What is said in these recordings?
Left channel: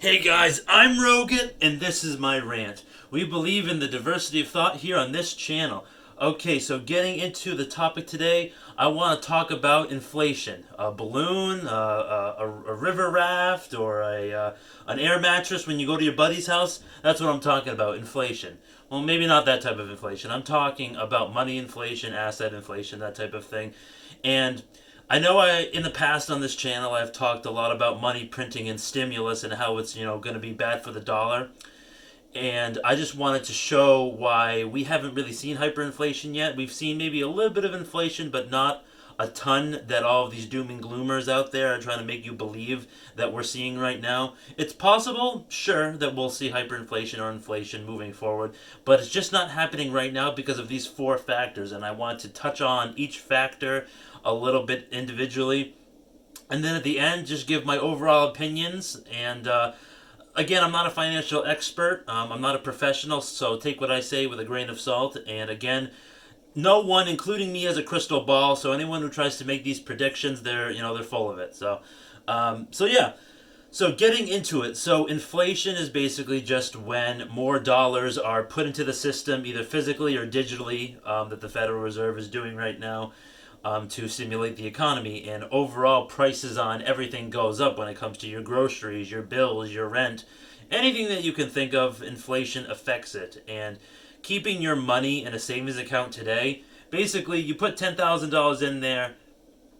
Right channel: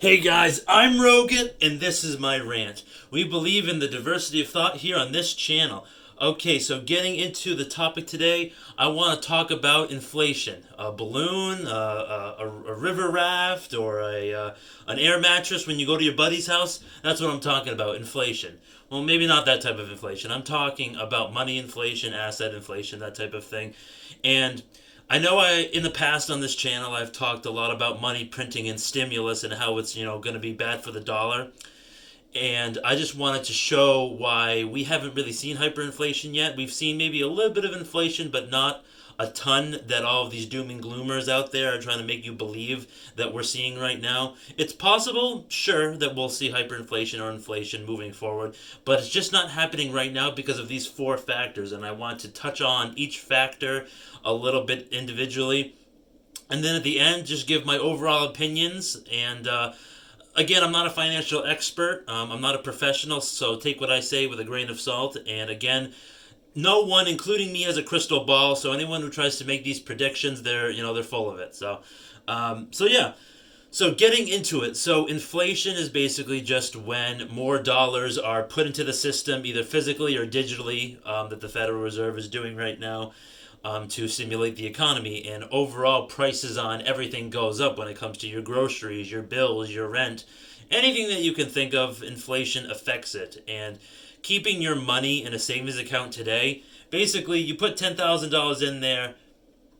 Hey guys, I'm Rogan, and this is my rant. We believe in the diversity of thought here on this channel. Okay, so getting into the topic today, I want to talk about inflation. A balloon, a river raft, or an air mattress when you go to your buddy's house. That's what I'm talking about, inflation. Well, maybe not that type of inflation. I'm talking about money inflation, asset inflation, that type of thing. And I know in the past on this channel I've talked a lot about money printing and stimulus and how it's going to be bad for the dollar. And I just wanted to show why we haven't really seen hyperinflation yet. We've seen maybe a little bit of inflation, but not a ton that all of these doom and gloomers out there are trying to make you believe that we're seeing right now. It's possible, sure, that we'll see hyperinflation or inflation moving forward, but it's just not happening right now because of these four factors. And I want to touch on each factor a little bit individually. And then at the end, just give my overall opinions. And again, I'm not a financial expert. I'm not a professional, so take what I say with a grain of salt. And again, no one, including me, has a crystal ball. So anyone who tries to make these predictions, they're full of it. So yeah. So getting into it, so inflation is basically just when more dollars are put into the system, either physically or digitally, that the Federal Reserve is doing right now to stimulate the economy. And overall, prices on everything goes up when it comes to your groceries, your bills, your rent, anything that you can think of. Inflation affects it. And keeping your money in a savings account today, basically, you put $10,000 in there,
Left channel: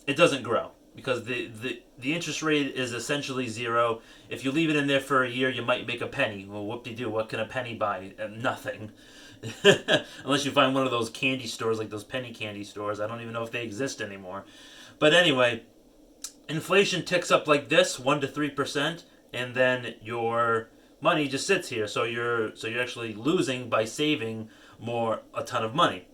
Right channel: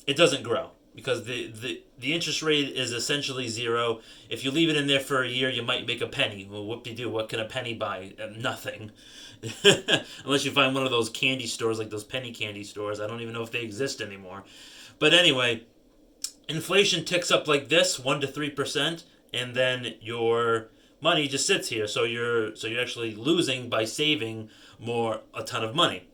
it doesn't grow because the interest rate is essentially zero. If you leave it in there for a year, you might make a penny. Well, whoop-de-doo, what can a penny buy? Nothing. Unless you find one of those candy stores, like those penny candy stores. I don't even know if they exist anymore. But anyway, inflation ticks up like this, 1 to 3%, and then your money just sits here. So you're actually losing by saving a ton of money.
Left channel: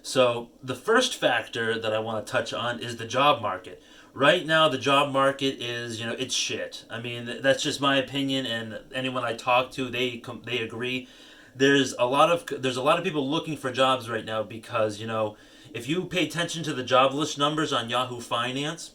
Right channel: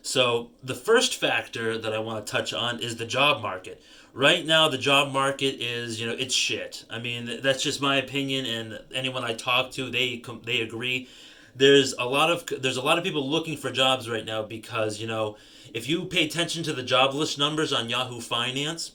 So the first factor that I want to touch on is the job market. Right now, the job market is, it's shit. I mean, that's just my opinion, and anyone I talk to, they agree. There's a lot of people looking for jobs right now because if you pay attention to the jobless numbers on Yahoo Finance,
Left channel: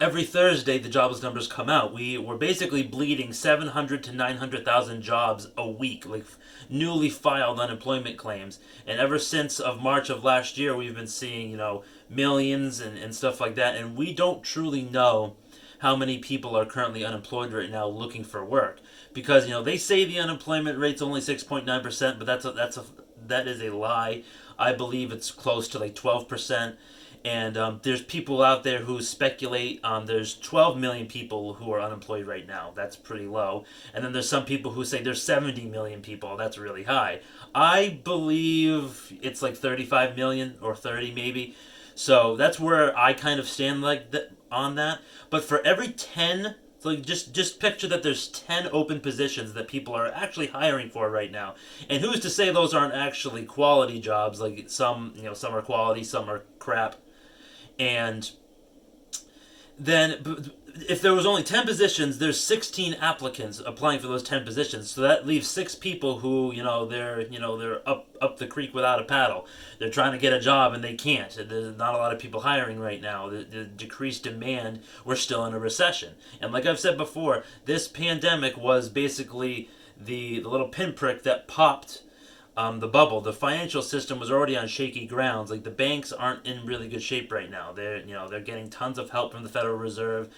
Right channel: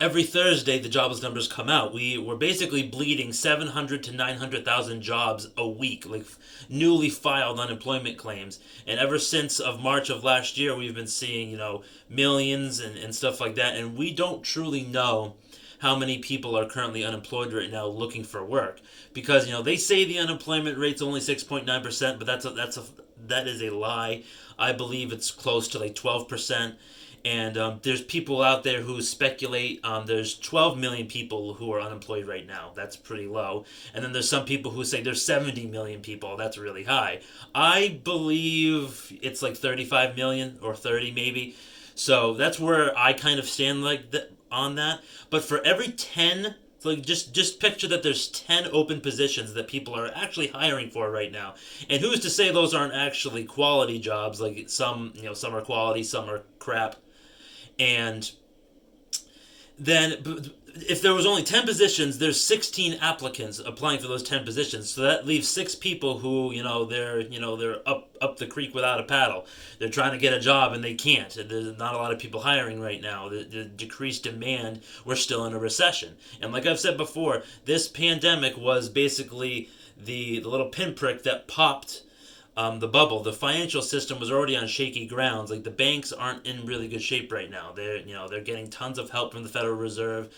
every Thursday the jobless numbers come out. We're basically bleeding 700 to 900,000 jobs a week, like newly filed unemployment claims. And ever since of March of last year, we've been seeing millions and stuff like that. And we don't truly know how many people are currently unemployed right now looking for work because they say the unemployment rate's only 6.9%, but that is a lie. I believe it's close to like 12%. And there's people out there who speculate there's 12 million people who are unemployed right now. That's pretty low. And then there's some people who say there's 70 million people. That's really high. I believe it's like 35 million or 30 maybe. So that's where I kind of stand on that. But for every 10, so just picture that there's 10 open positions that people are actually hiring for right now. And who's to say those aren't actually quality jobs? Like some are quality, some are crap. And then if there was only 10 positions, there's 16 applicants applying for those 10 positions. So that leaves 6 people who, they're up the creek without a paddle. They're trying to get a job and they can't. There's not a lot of people hiring right now. The decreased demand, we're still in a recession. And like I've said before, this pandemic was basically the little pinprick that popped the bubble. The financial system was already on shaky grounds. Like the banks aren't in really good shape right now. They're getting tons of help from the Federal Reserve,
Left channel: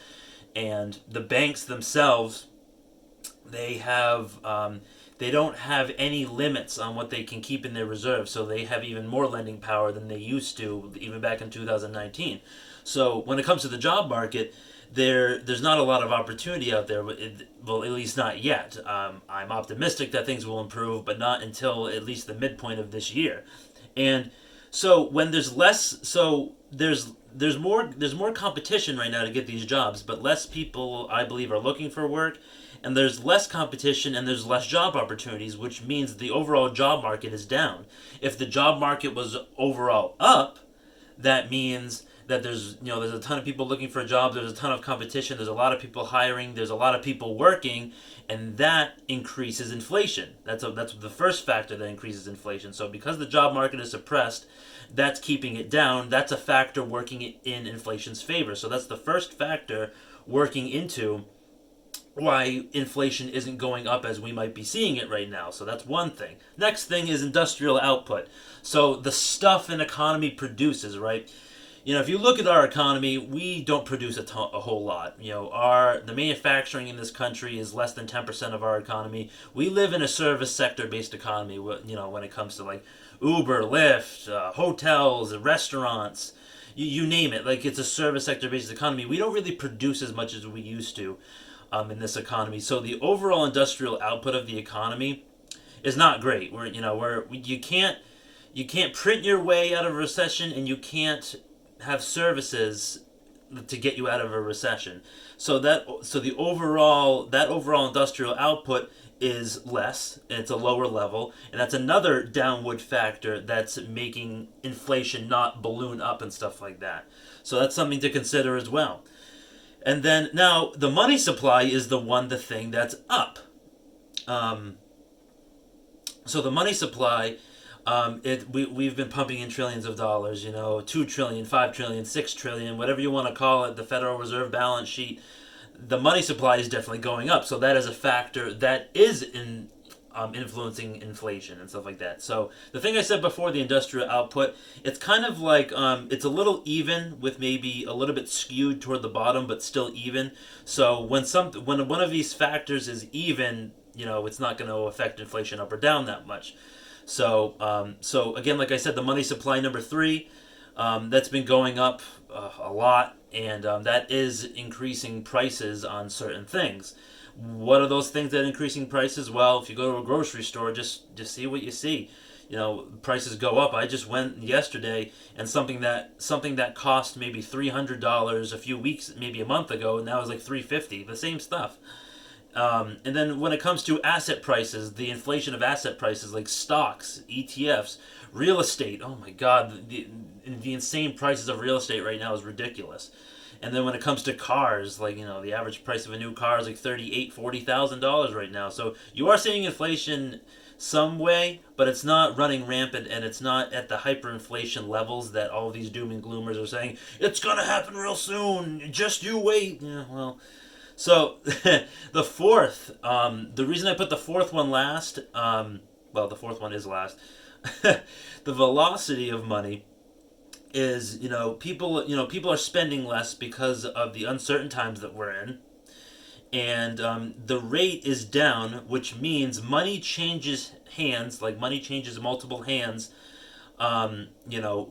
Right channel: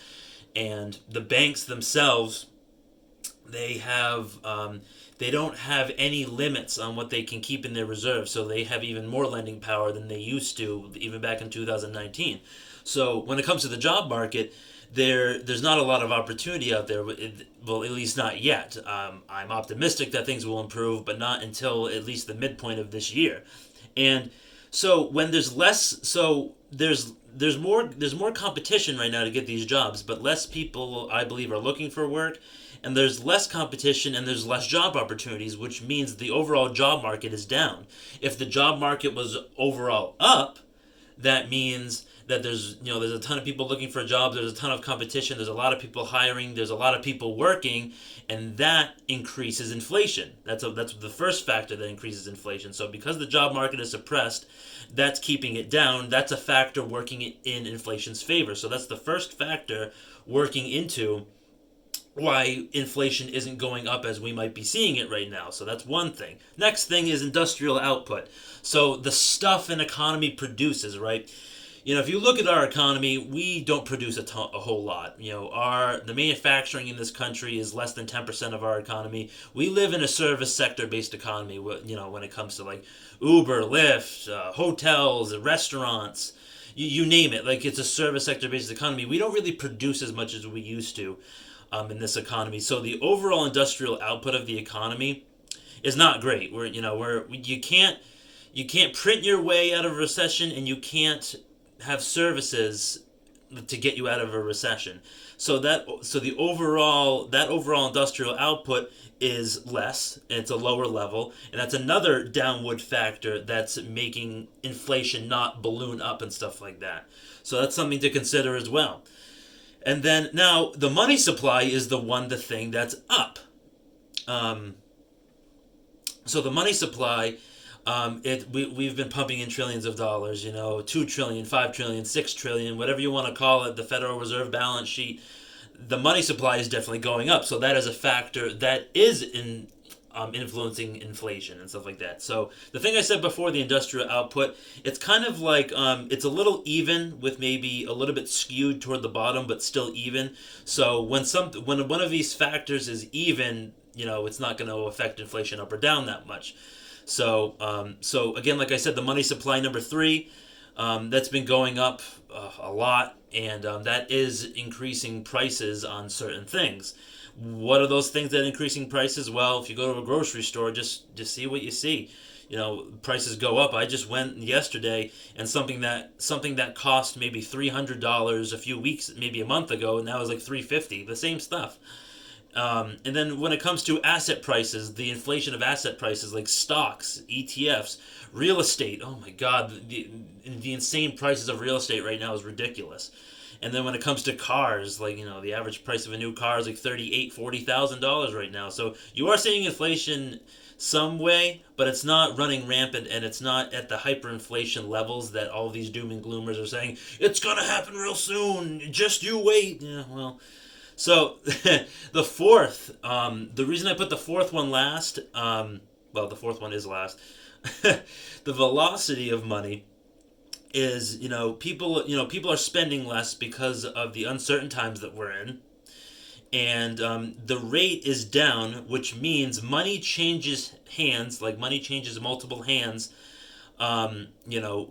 and the banks themselves, they don't have any limits on what they can keep in their reserves. So they have even more lending power than they used to even back in 2019. So when it comes to the job market, there's not a lot of opportunity out there. Well, at least not yet. I'm optimistic that things will improve, but not until at least the midpoint of this year. And so when there's less, so there's more competition right now to get these jobs, but less people, I believe, are looking for work. And there's less competition and there's less job opportunities, which means the overall job market is down. If the job market was overall up, that means that there's a ton of people looking for jobs, there's a ton of competition, there's a lot of people hiring, there's a lot of people working, and that increases inflation. That's the first factor that increases inflation. So because the job market is suppressed, that's keeping it down. That's a factor working in inflation's favor. So that's the first factor working into why inflation isn't going up as we might be seeing it right now. So that's one thing. Next thing is industrial output. So the stuff an economy produces, right? If you look at our economy, we don't produce a whole lot. The manufacturing in this country is less than 10% of our economy. We live in a service sector based economy. When it comes to like Uber, Lyft, hotels, restaurants, you name it. Like it's a service sector based economy. We don't really produce as much as we used to in this economy. So the overall industrial output of the economy is not great. You can't print your way out of a recession, and you can't have services to get you out of a recession. So the overall industrial output is less, and it's a lower level, and that's another downward factor that's making inflation not balloon up and stuff like that. So that's something to consider as well. And then now the money supply is the thing that's up. So the money supply, we've been pumping in trillions of dollars, 2 trillion, 5 trillion, 6 trillion, whatever you want to call it, the Federal Reserve balance sheet. The money supply is definitely going up. So that is a factor that is influencing inflation and stuff like that. So the thing I said before, the industrial output, it's kind of like it's a little even with maybe a little bit skewed toward the bottom, but still even. So when one of these factors is even, it's not going to affect inflation up or down that much. So again, like I said, the money supply number 3, that's been going up a lot, and that is increasing prices on certain things. What are those things that are increasing prices? Well, if you go to a grocery store, just see what you see. Prices go up. I just went yesterday, and something that cost maybe $300 a few weeks, maybe a month ago, and now is like $350. The same stuff. And then when it comes to asset prices, the inflation of asset prices like stocks, ETFs, real estate. Oh my God, the insane prices of real estate right now is ridiculous. And then when it comes to cars, like the average price of a new car is like $40,000 right now. So you are seeing inflation some way, but it's not running rampant, and it's not at the hyperinflation levels that all these doom and gloomers are saying it's gonna happen real soon. Just you wait. So the fourth, the reason I put the fourth one last, the fourth one is last. The velocity of money is, people are spending less because of the uncertain times that we're in, and the rate is down, which means money changes hands, like money changes multiple hands,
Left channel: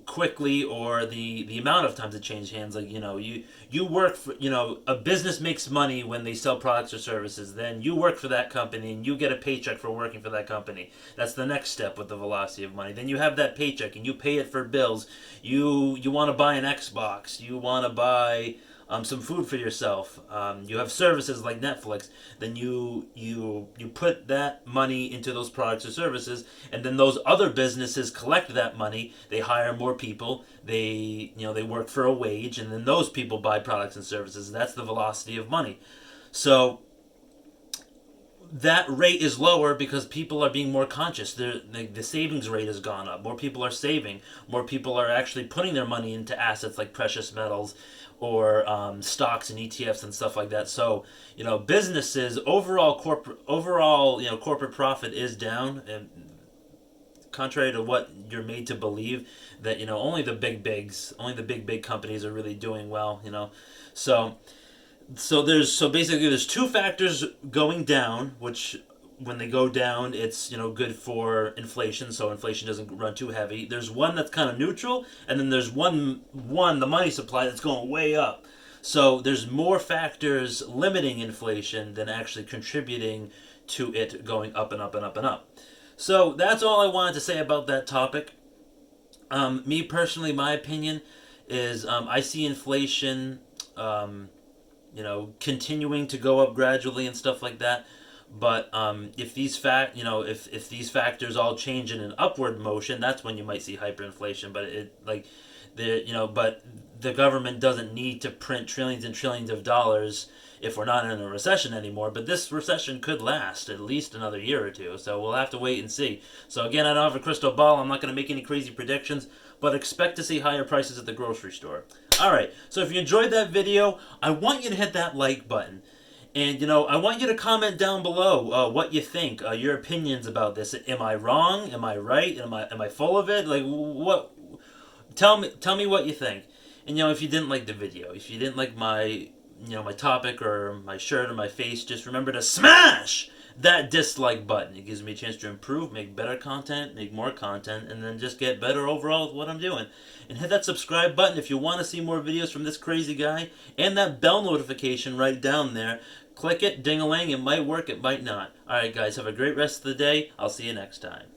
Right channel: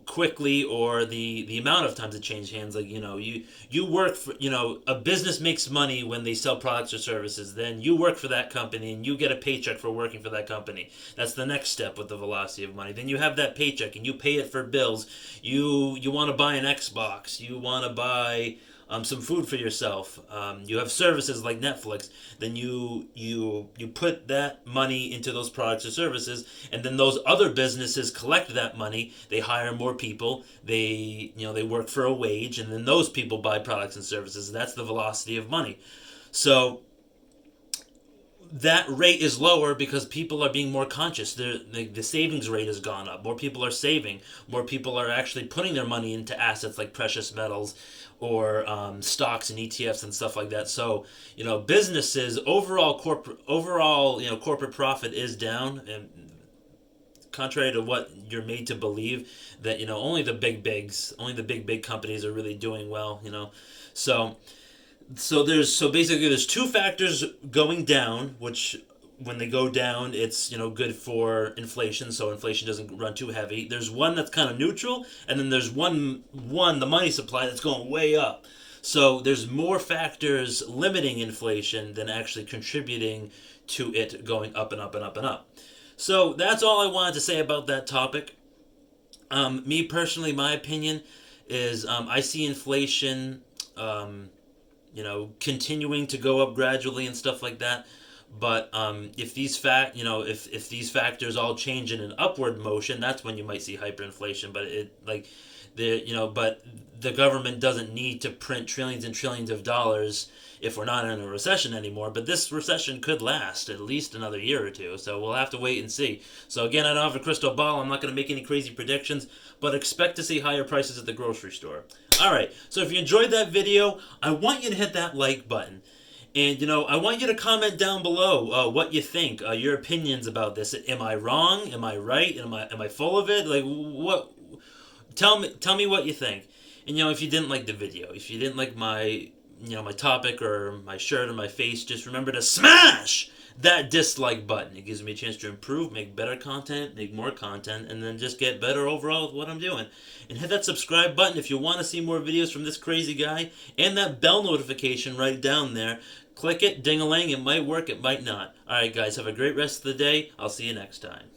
quickly, or the amount of times it changes hands. Like, you work for, a business makes money when they sell products or services. Then you work for that company and you get a paycheck for working for that company. That's the next step with the velocity of money. Then you have that paycheck and you pay it for bills. You want to buy an Xbox. You want to buy some food for yourself. You have services like Netflix. Then you put that money into those products or services, and then those other businesses collect that money. They hire more people. They work for a wage, and then those people buy products and services. And that's the velocity of money. So that rate is lower because people are being more conscious. The savings rate has gone up. More people are saving. More people are actually putting their money into assets like precious metals or stocks and ETFs and stuff like that. So, businesses corporate profit is down, and contrary to what you're made to believe, that only the big companies are really doing well. So basically there's two factors going down, which when they go down, it's good for inflation, so inflation doesn't run too heavy. There's one that's kind of neutral, and then there's one the money supply, that's going way up. So there's more factors limiting inflation than actually contributing to it going up and up and up and up. So that's all I wanted to say about that topic. Me personally, my opinion is I see inflation continuing to go up gradually and stuff like that. But if these factors all change in an upward motion, that's when you might see hyperinflation. But but the government doesn't need to print trillions and trillions of dollars if we're not in a recession anymore. But this recession could last at least another year or two, so we'll have to wait and see. So again, I don't have a crystal ball. I'm not going to make any crazy predictions, but expect to see higher prices at the grocery store. All right, so if you enjoyed that video, I want you to hit that like button. And I want you to comment down below what you think, your opinions about this. Am I wrong? Am I right? Am I full of it? Like what? Tell me what you think. And if you didn't like the video, if you didn't like my topic or my shirt or my face, just remember to smash that dislike button. It gives me a chance to improve, make better content, make more content, and then just get better overall with what I'm doing. And hit that subscribe button if you want to see more videos from this crazy guy, and that bell notification right down there. Click it, ding-a-ling, it might work, it might not. Alright guys, have a great rest of the day. I'll see you next time.